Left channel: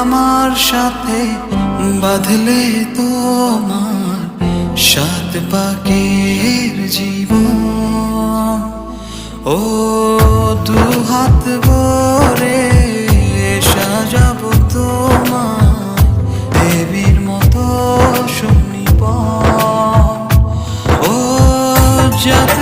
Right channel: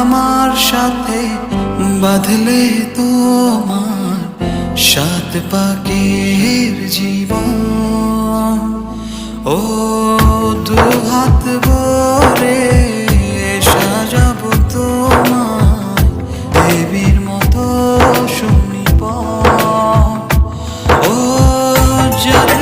আমার সাথে বাঁধলে তোমার সাত পাকের জীবন। ও দুহাত ভরে সাজাবো তোমায় দেবীর মতো সুনিপন। ও জাত